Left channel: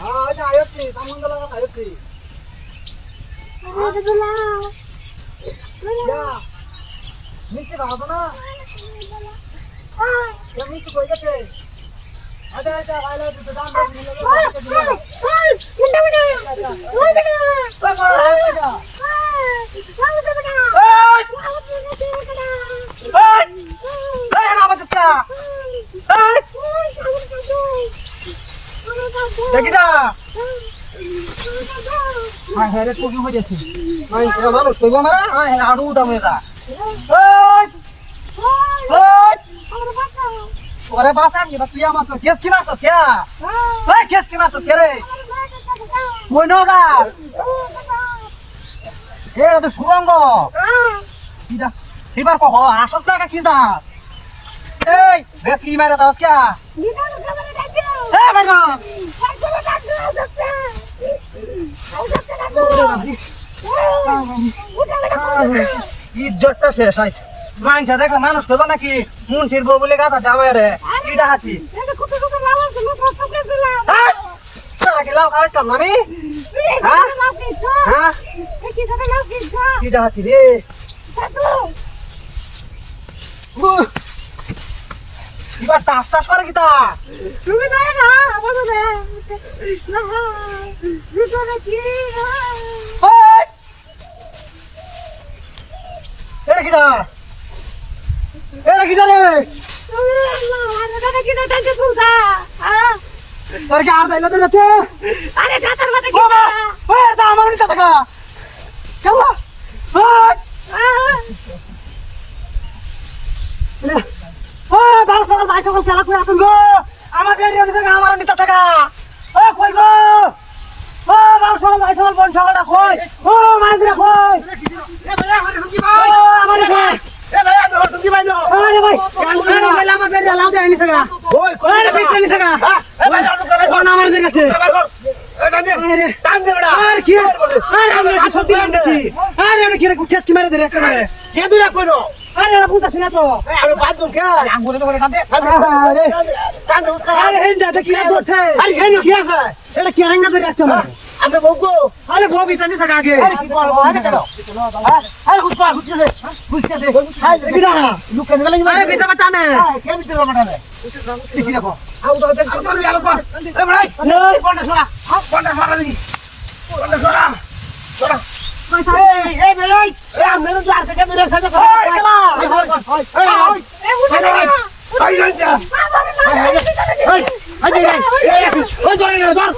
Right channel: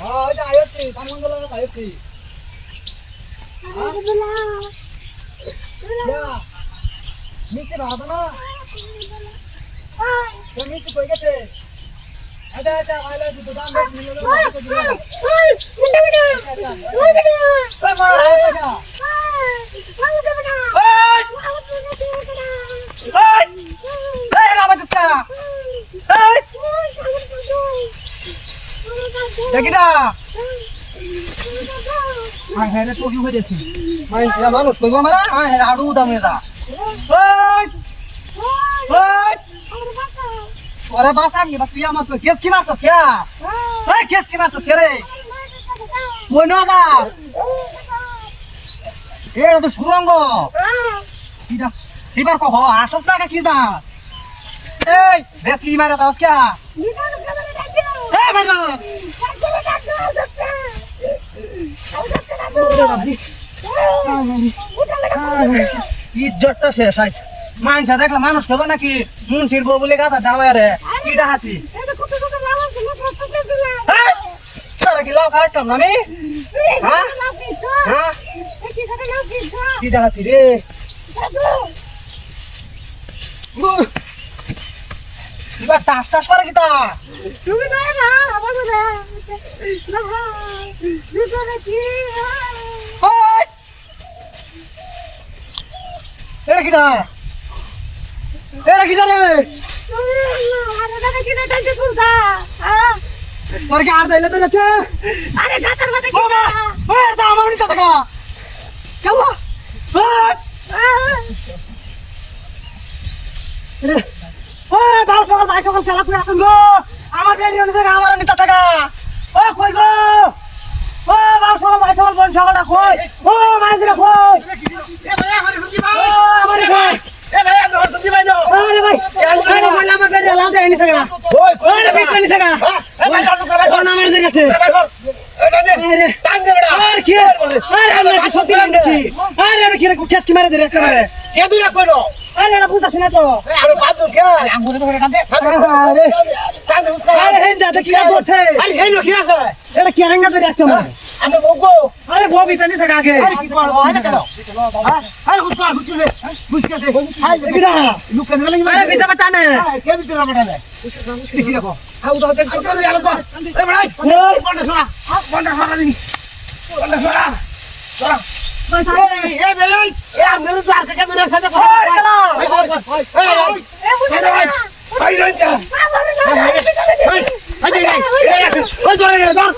हां जा आयोती सामंग लगा आयोती अरे बोला या नीचे रहा ना ये नीचे कोई गए अरे अच्छा आले तो दाम देख मिल लगा मुंडा मुंडा ओए बेटा कोई बोल रहा है क्या ना बच क्या देखिदा हां हेरे तू क्यों बजे मैं ये मानुष कोई मारा हां हेरे आडू दमेदा अरे बासा नहीं बस पिया मत केस की मारतो क्या ओए केस की मारतो क्या रे कोई नोगा এরা তো সুরঙ্গ কিডা এবার কহ আসল টাকা কি দা এই বেশি মারা দাও কে এ বেটা ইজ্জতটা শেষ আই মানছা দেখলে মানুষ তো নাকি মুন্সির বউ বলে গাদা দাওয়া রে কিডা হাতি সারা কি লাউ খাস কাম না আমি হ্যাঁ হ্যাঁ কিডা হাতি রে এবার টাস টাস করে কিতা তুমি না না আমার না না ভিতরে কি ওই এরা কিডা রে তুমি আরে দাদা কি না টাইতে পুরো হ্যাঁ তোর কি আর দাইলা তো আছে আরে গাতার মধ্যে কি বাবা ওই দা আমার নিতে থাকা কেলা ওই বাবা সকাল ভাই সকাল খেলা করে আসুন গো আমার বেরিয়ে নিতে থাকা আমার নিতে থাকা ও কই গো ও বাবা সকাল ভাই সকাল বল সকালটা কই ও মাঝে কই এ ভাই আমার কি ভাই আমার কই এ ভাই আমার তো দি ভাই নো আরে ভাই আমার বেরিয়ে লাউ দেয় নিতে থাকা ওই কই রে বিট নিতে থাকা এ ভাই আলু করা কোন আমার জায়গা আছে আরে টান দে বড়া আরে কি আরে আমরা কি সত্যি লাগছি আরে আমি কি রে কেস কি মারে ধরে একটা মারে কে দুরা কইলো আরে না বুঝাছ না তো আরে বাদু কে আঙ্গুরে তো করে টান দে আরে টান দে উস্কা আরে হেন যা কি করছে আরে হেন কি আছে এটা কি রঙা ধরে আছে আমার আমি বগো আরে ববি জানি থাকা আগে আরে কি করব আরে কেন আরে হুসকা হুসকা দে হাই গিরা লুকে গেলে আরে বিটা টানে কে বিটা টানে কি দেখো আউ তো দেখ তো আলো কর এ ভাই কোনটা শোনা কোনটা শোনা দি কোনটা শোনা শোনা এই বেলাই এ আমরা লার থেকে দূরে আছে দেখো এই বুঝা ভাই রঞ্জা ওই ওই ওই ধরে ধর